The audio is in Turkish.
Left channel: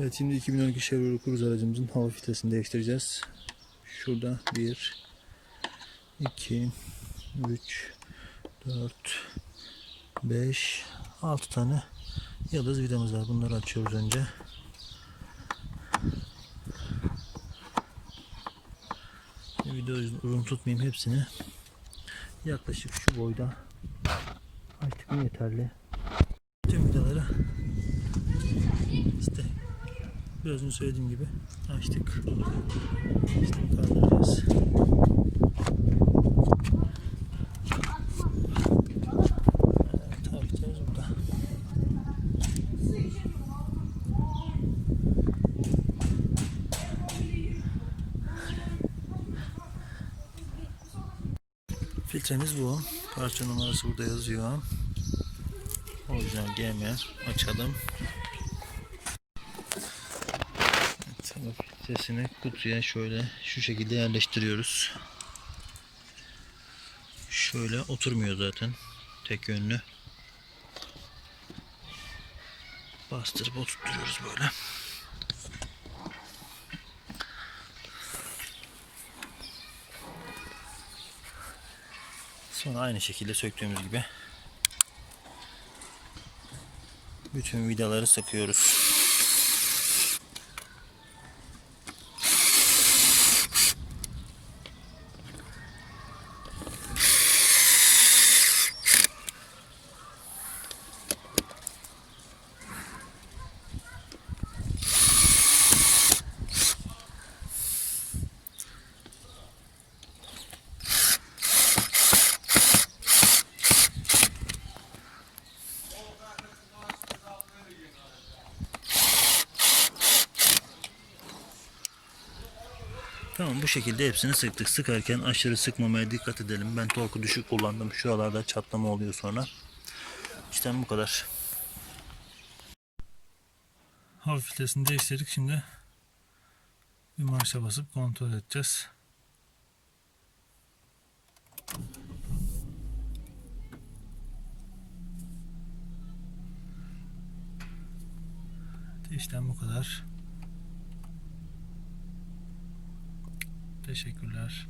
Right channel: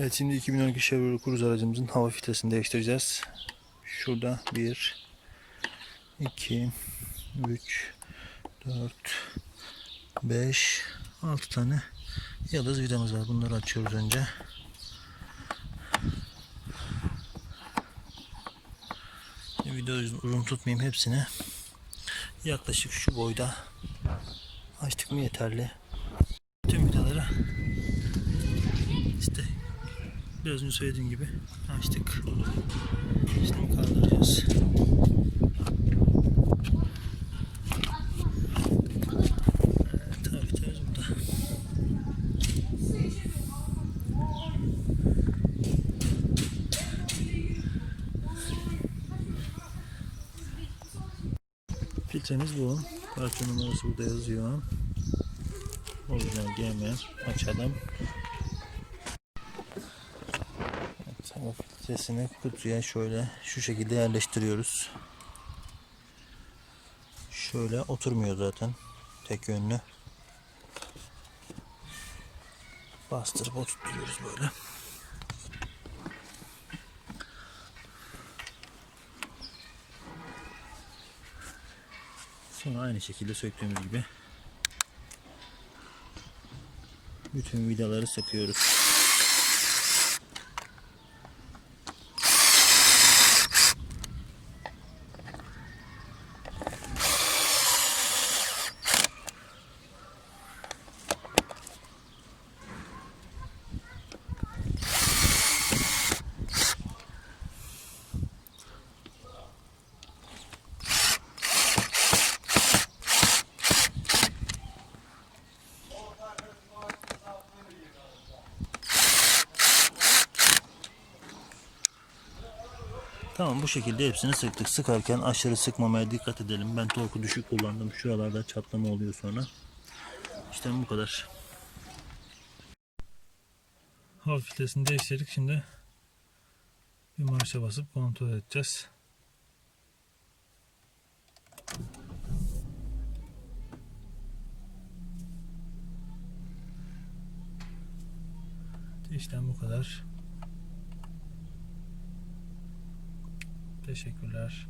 Evet şimdi 2012 Chevrolet Cruze aracımızın hava filtresini değiştireceğiz. Şurada 1 2 3 4 5 6 tane yıldız vidamız var. Bunları açıyoruz önce. Videoyu uzun tutmayayım hepsini. Yaklaşık şu boyda açtık mı yeterli. Tüm vidaları işte biraz önce söylediğim gibi açtık. Şimdi kaldıracağız. Evet, burada. Filtremiz bu. Parça numarası burada yazıyor. Orijinal GM. Açalım. Evet, hava filtresini kutuya şöyle şu şekilde yerleştiriyoruz. Şöyle oturmuyor zaten. Tek yönlü. Bastırıp oturtuyoruz böyle. Sonra aynı şekilde söktüğümüz gibi bütün vidaları sıkıyoruz. Tamam bu şekilde hepsini sıktık. Sıkarken aşırı sıkmamaya dikkat edelim. Ben torku düşük kullandım. Şuralarda çatlama oluyor sonra. İşte bu kadar. Hava filtresini değiştirdik. Şimdi bir marşa basıp kontrol edeceğiz. İşte bu kadar. Teşekkürler.